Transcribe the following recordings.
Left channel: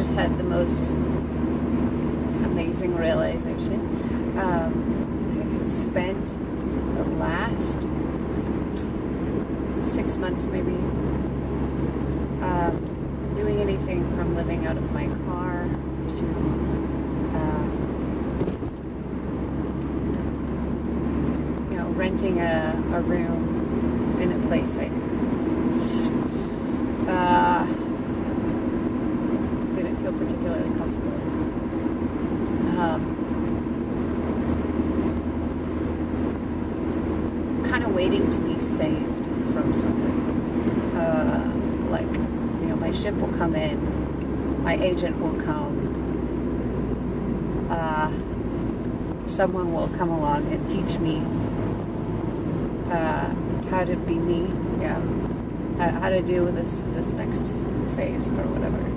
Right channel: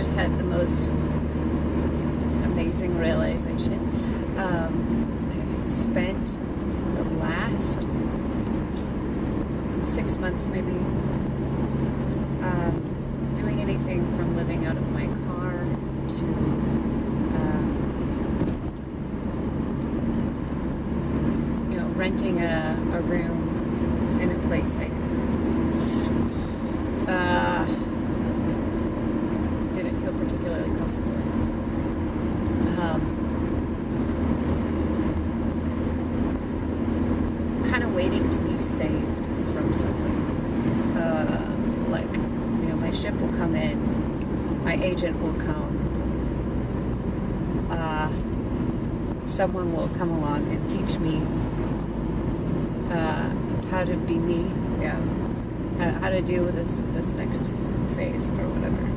just had the most amazing realization. I've spent the last 6 months maybe doing anything from living out of my car to renting a room in a place I didn't feel particularly comfortable in. Kind of waiting to be saved from something. My ship will come in, my agent will come, someone will come along and teach me how to be me, how to deal with this next phase or whatever.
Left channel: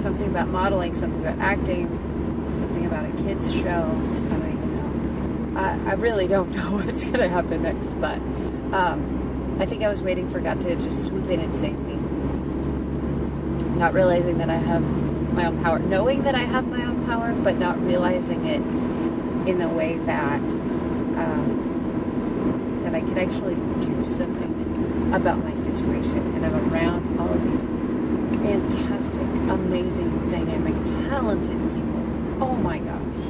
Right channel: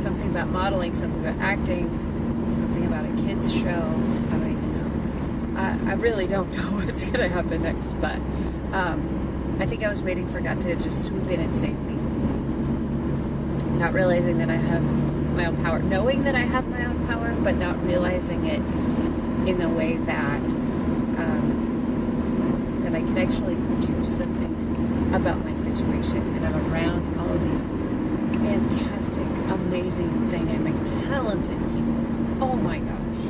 Something about modeling, something about acting, something about a kids show. I don't even know. I really don't know what's going to happen next, but I think I was waiting for God to just swoop in and save me. Not realizing that I have my own power. Knowing that I have my own power, but not realizing it in the way that that I can actually do something about my situation. And I'm around all of these fantastic, amazing, dynamic, talented people. Oh my gosh.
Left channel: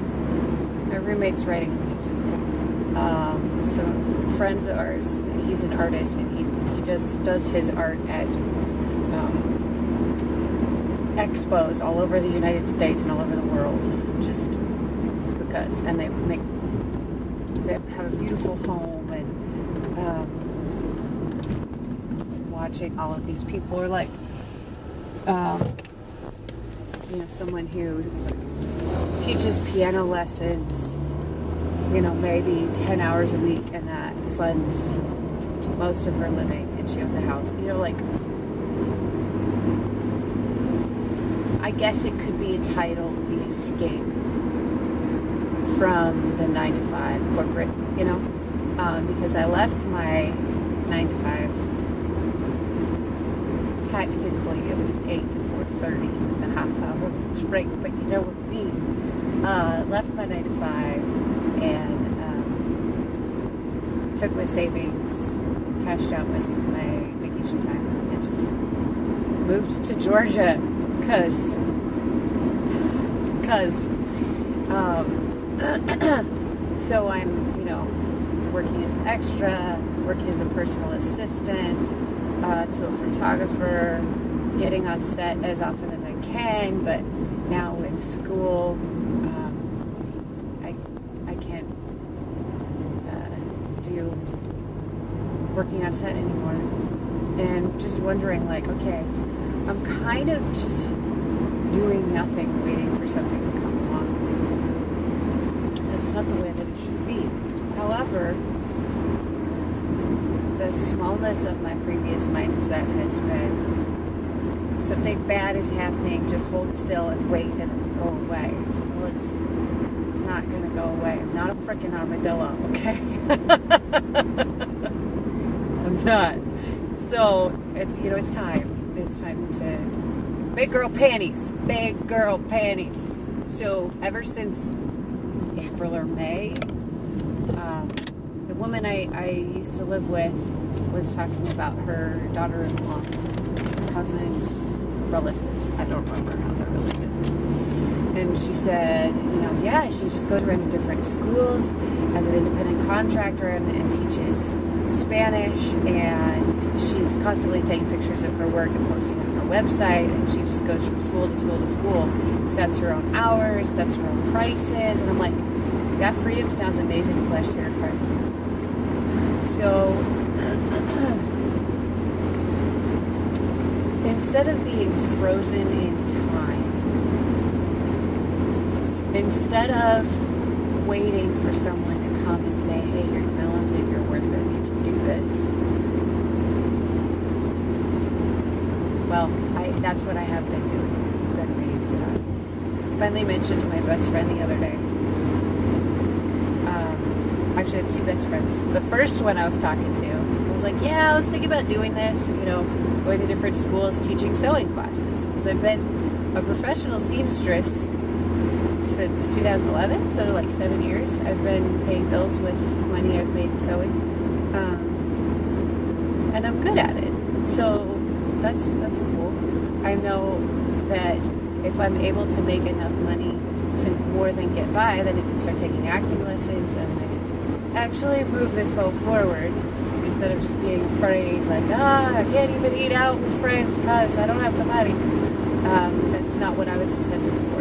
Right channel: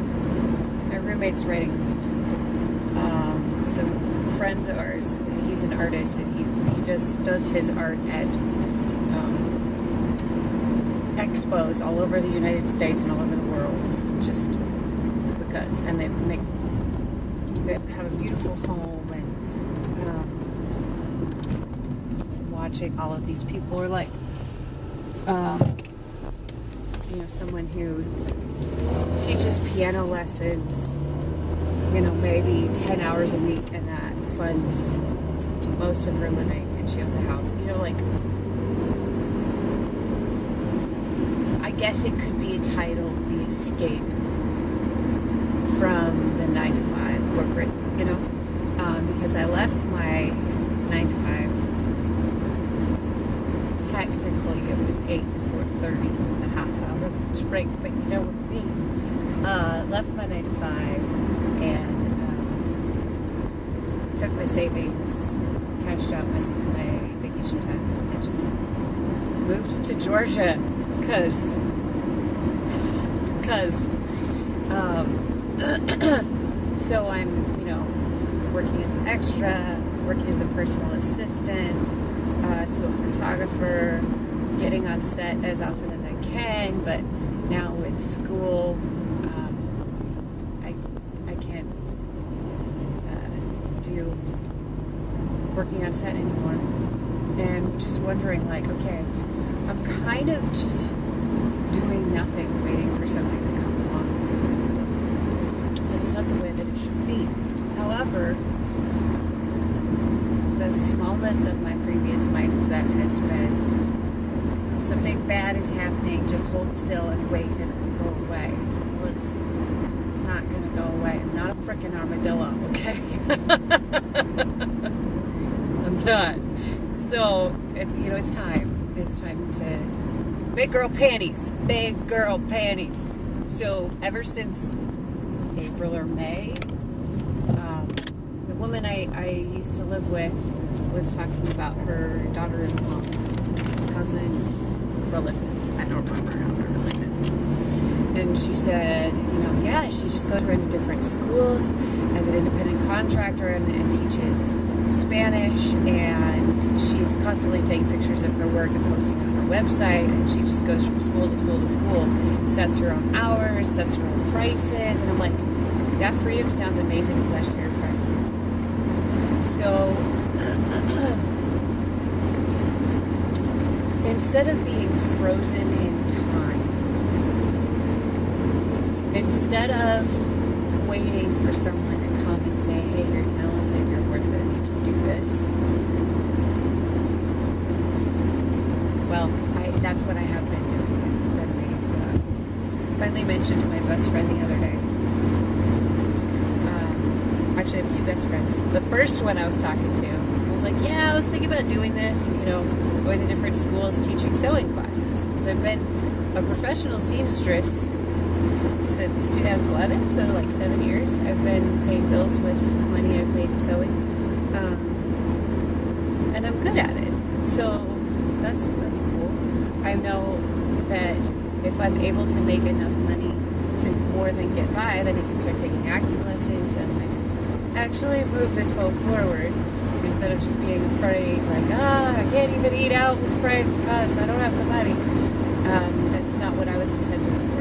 My roommate's writing a musical. Some friends of ours, he's an artist, and he just does his art at expos all over the United States and all over the world, just because. And they have a beautiful home, and watching all of these people are like, someone who teaches piano lessons, maybe 10 hours a week, and that funds most of her living, and she owns a house. I guess it could be titled The Escape from the 9-to-5 corporate, because I left my 9-to-5. Technically, it was 8 to 4:30 with a half-hour lunch break, but you know what I mean. Left my 9-to-5 and took my savings, cashed out my vacation time, and just moved to Georgia, cause so I'm, working as an extra, working as a personal assistant to a photographer, getting on set as often as I can, but now with school, I can't do working on set anymore. And just wondering, okay, I'm kind of just doing nothing, waiting for something to come along. That's not the way that it should be. However, the smallness of my previous mindset has been, something bad is happening, just hold still and wait and it'll go away. Well, it's not going to go away. I'm not a frickin' armadillo, okay? I'm not. So, it's time. It's time to... Big girl panties. Big girl panties. So, ever since April or May, the woman I used to live with was talking about her daughter-in-law, cousin, relative. I don't remember how they're related. And she said, she just goes around to different schools as an independent contractor and teaches Spanish, and she's constantly taking pictures of her work and posting it on her website, and she just goes from school to school to school, sets her own hours, sets her own prices, and I'm like, that freedom sounds amazing / terrifying. So, instead of being frozen in time, instead of waiting for someone to come and say, hey, you're talented, you're worth it, you can do this. Well, that's what I have been doing. I've been waiting for that. I finally mentioned to my best friend the other day. Actually, I have two best friends. The first one I was talking to was like, yeah, I was thinking about doing this, you know, going to different schools, teaching sewing classes. Because I've been a professional seamstress since 2011, so like 7 years. I've been paying bills with money I've made sewing. And I'm good at it. So that's cool. I know that if I'm able to make enough money to more than get by, then I can start taking acting lessons and like actually move this boat forward instead of just being afraid, like, I can't even eat out with friends because I don't have the money. That's not what I was intended for.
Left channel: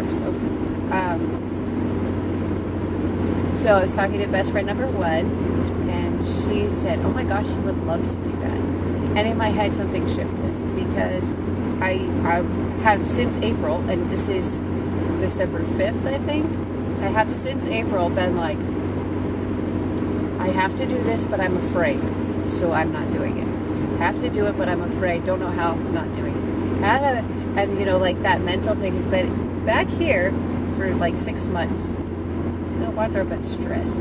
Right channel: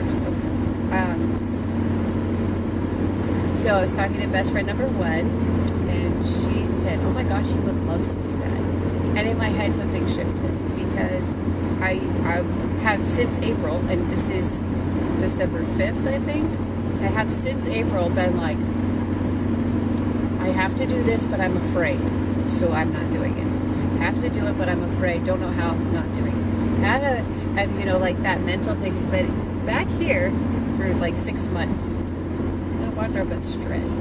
So I was talking to best friend number 1, and she said, oh my gosh, you would love to do that. And in my head, something shifted, because I have since April, and this is December 5th, I think, I have since April been like, I have to do this, but I'm afraid, so I'm not doing it. I have to do it, but I'm afraid, don't know how, I'm not doing it. And you know, like that mental thing has been back here for like 6 months. No wonder I've been stressed.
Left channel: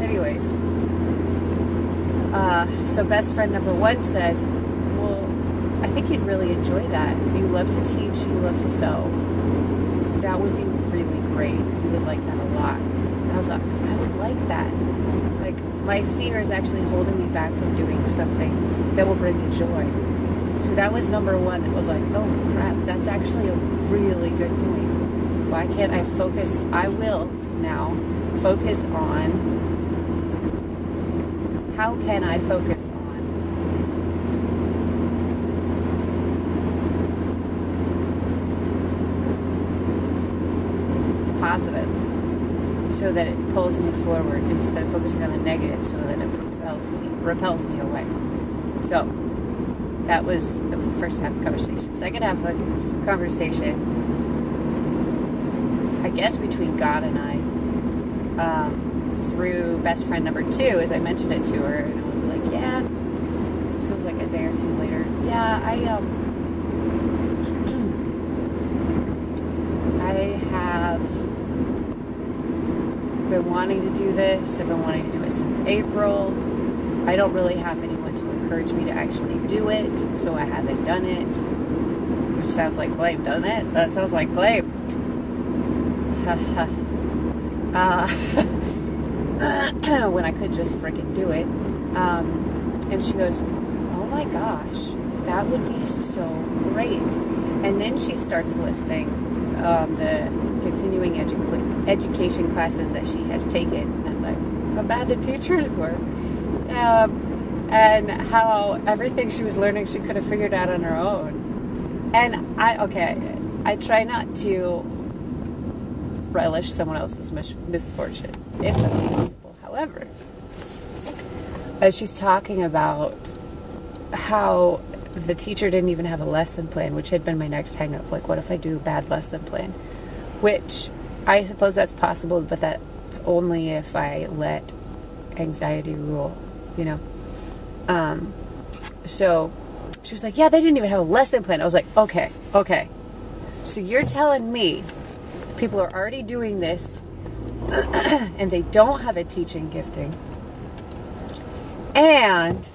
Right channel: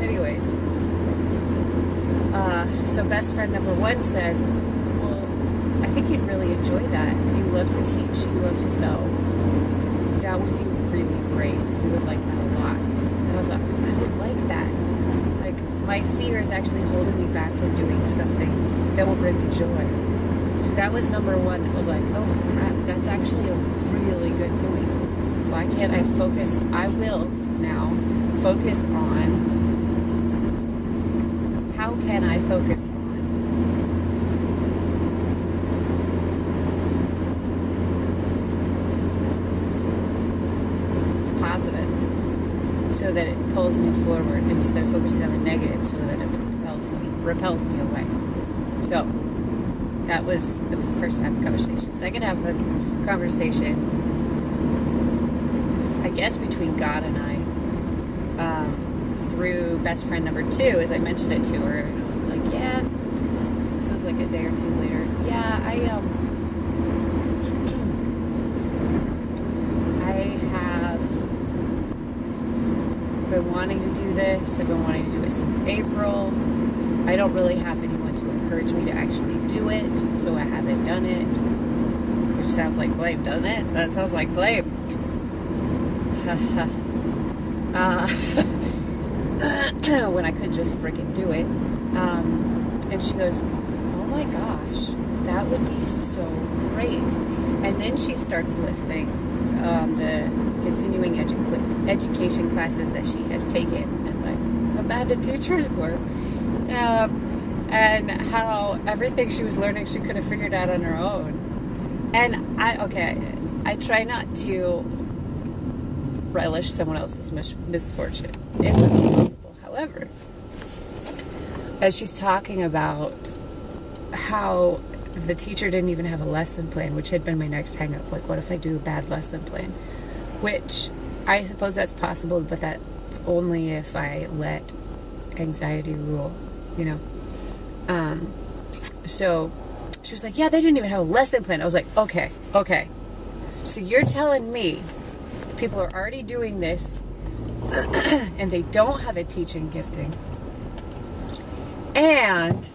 Anyways, so best friend number 1 said, well, I think you'd really enjoy that. You love to teach, you love to sew. That would be really great. You would like that a lot. And I was like, I would like that. Like, my fear is actually holding me back from doing something that will bring me joy. So that was number 1. It was like, oh crap, that's actually a really good point. Why can't I focus? I will now focus on, how can I focus on positive, so that it pulls me forward instead of focusing on the negative, so that it repels me away. So that was the first half of the conversation. Second half of the conversation, I guess between God and I, through best friend number 2, as I mentioned it to her, and I was like, yeah, this was like a day or 2 later. Yeah, I have been wanting to do this. I've been wanting to do it since April. I don't really have anyone to encourage me to actually do it, so I haven't done it. Which sounds like blame, doesn't it? That sounds like blame. When I could just freaking do it. And she goes, oh my gosh, that would be so great. And then she starts listing the continuing education classes that she has taken, and like how bad the teachers were, and how everything she was learning she could have figured out on her own. And I try not to relish someone else's misfortune if possible. However, as she's talking about how the teacher didn't even have a lesson plan, which had been my next hang up. Like, what if I do a bad lesson plan? Which, I suppose that's possible, but that's only if I let anxiety rule, you know? So, she was like, yeah, they didn't even have a lesson plan. I was like, okay. So you're telling me people are already doing this, and they don't have a teaching gifting, and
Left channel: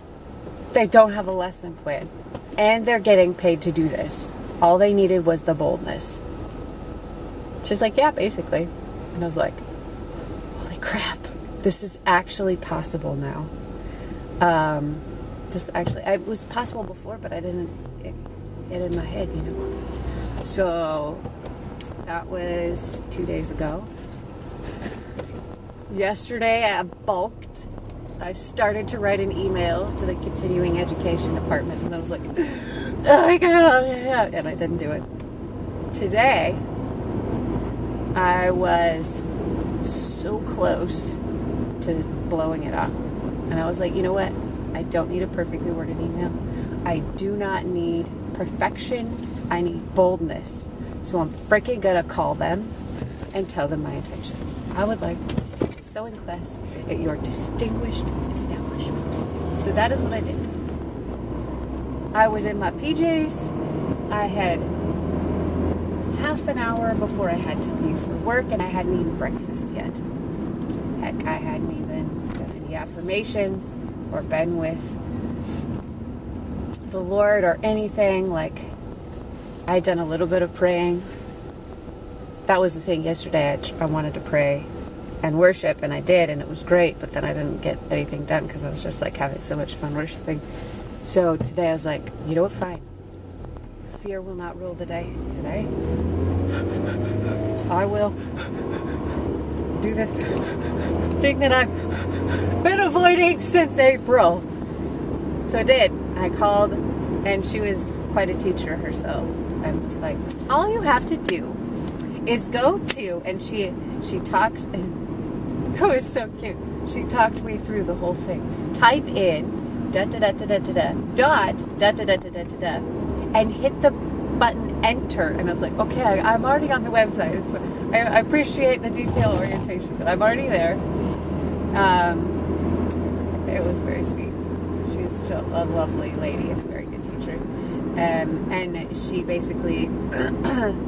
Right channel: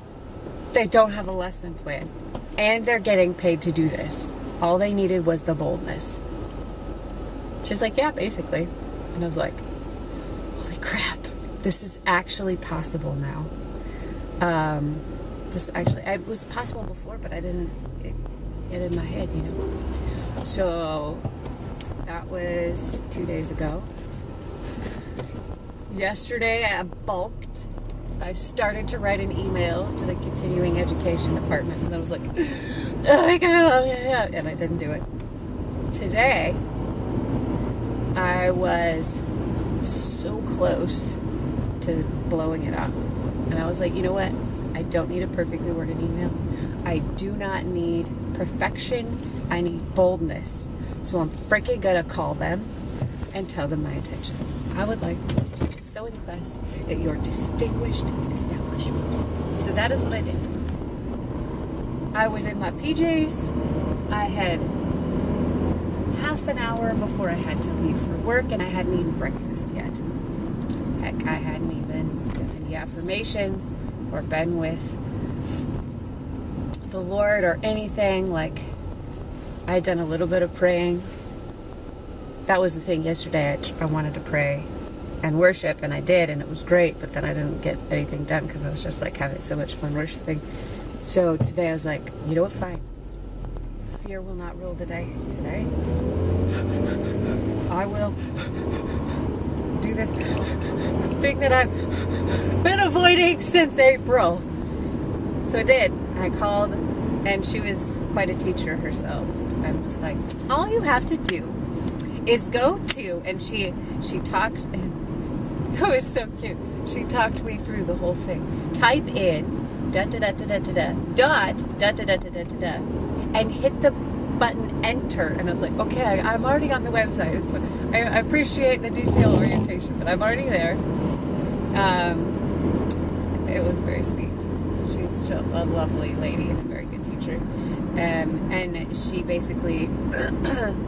they don't have a lesson plan, and they're getting paid to do this. All they needed was the boldness. She's like, yeah, basically. And I was like, holy crap, this is actually possible now. It was possible before, but I didn't get in my head, you know. So that was 2 days ago. Yesterday I bulked. I started to write an email to the continuing education department, and I was like, oh my God, and I didn't do it. Today, I was so close to blowing it up. And I was like, you know what? I don't need a perfectly worded email. I do not need perfection. I need boldness. So I'm freaking gonna call them and tell them my intentions. I would like to teach a sewing class at your distinguished establishment. So that is what I did. I was in my PJs. I had half an hour before I had to leave for work, and I hadn't eaten breakfast yet. Heck, I hadn't even done any affirmations or been with the Lord or anything. Like, I'd done a little bit of praying. That was the thing yesterday. I wanted to pray and worship, and I did, and it was great, but then I didn't get anything done because I was just like having so much fun worshiping. So today I was like, you know what, fine. Fear will not rule the day today. I will do the thing that I've been avoiding since April. So I did. I called, and she was quite a teacher herself, and was like, all you have to do is go to, and she talks, and it was so cute. She talked me through the whole thing. Type in dot dot dot dot dot dot dot dot dot dot dot, and hit the button enter. And I was like, okay, I'm already on the website. I appreciate the detail orientation, but I'm already there. It was very sweet. She's a lovely lady and a very good teacher. And she basically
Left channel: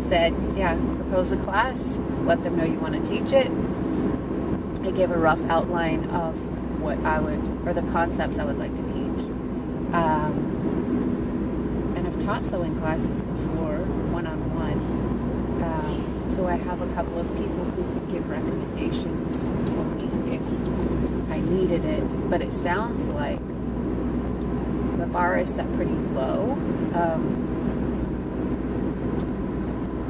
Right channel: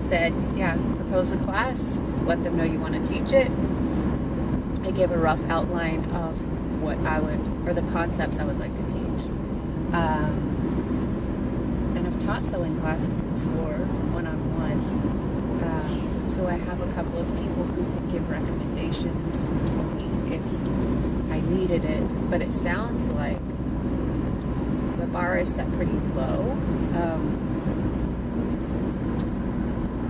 said, yeah, propose a class, let them know you want to teach it. I gave a rough outline of what I would, or the concepts I would like to teach. And I've taught sewing classes before, one-on-one. So I have a couple of people who could give recommendations for me if I needed it. But it sounds like the bar is set pretty low,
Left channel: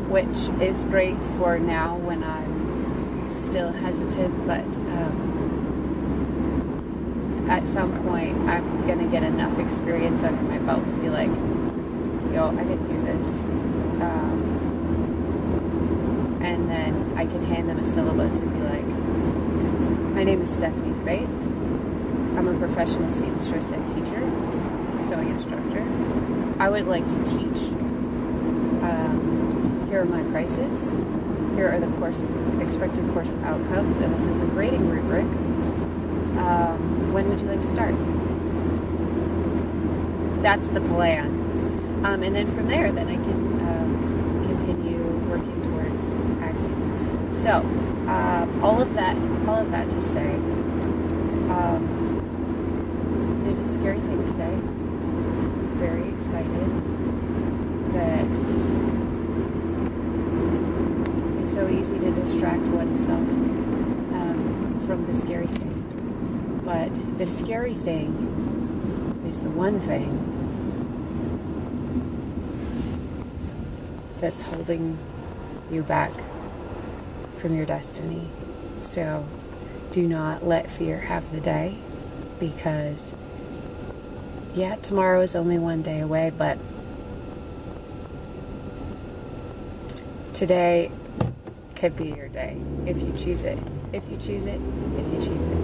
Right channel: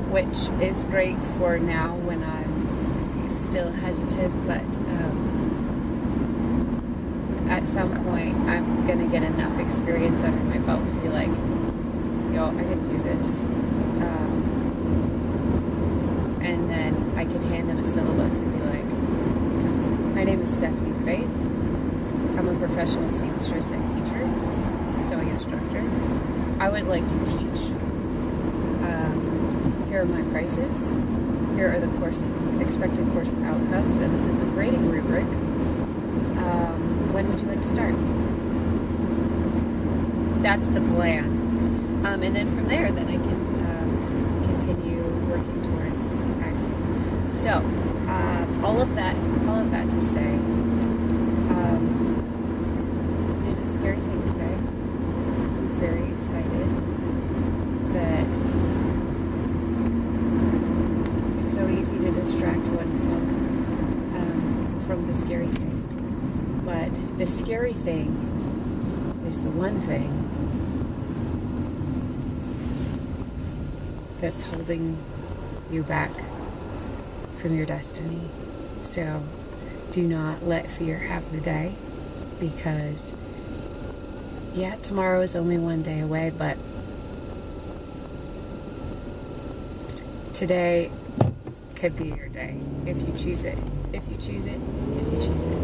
which is great for now when I'm still hesitant, but at some point I'm going to get enough experience under my belt and be like, yo, I can do this. And then I can hand them a syllabus and be like, my name is Stephanie Faith. I'm a professional seamstress and teacher, sewing instructor. I would like to teach. Here are my prices. Here are the expected course outcomes, and this is the grading rubric. When would you like to start? That's the plan. And then from there, then I can continue working towards acting. So, all of that to say, it is a scary thing today. I'm very excited that it's so easy to distract oneself from the scary thing. But the scary thing is the one thing that's holding you back from your destiny. So do not let fear have the day, because yeah, tomorrow is only one day away, but today could be your day if you choose it. If you choose it, if you choose it.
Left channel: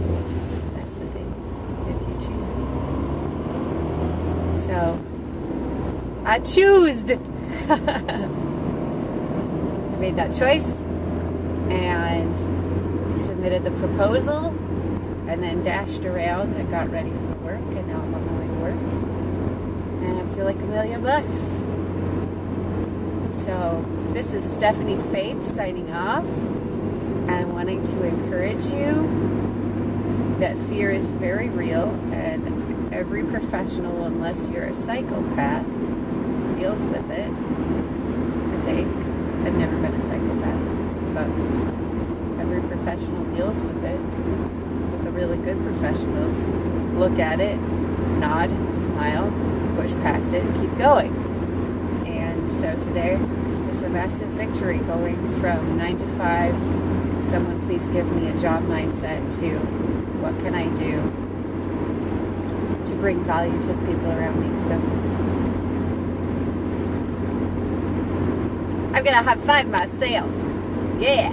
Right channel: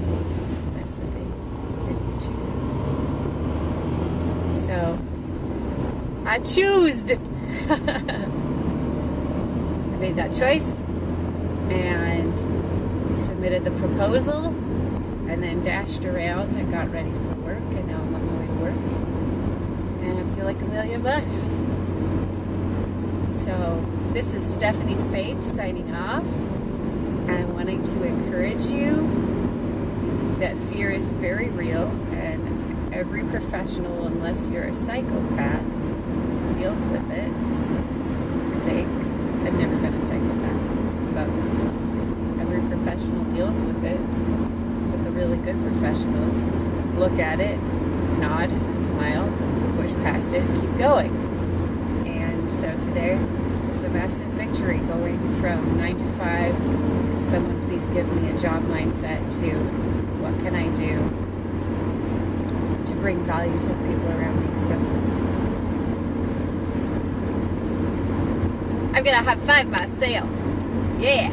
That's the thing. If you choose it. So I choose. I made that choice and submitted the proposal and then dashed around and got ready for work, and now I'm on my way to work and I feel like $1,000,000. So this is Stephanie Faith signing off and wanting to encourage you that fear is very real, and every professional, unless you're a psychopath, deals with it. I think. I've never been a psychopath, but every professional deals with it. But the really good professionals look at it, nod, smile, push past it, and keep going. And so today was a massive victory, going from 9 to 5, someone please give me a job mindset, to what can I do to bring value to the people around me. So I'm gonna high five myself. Yeah.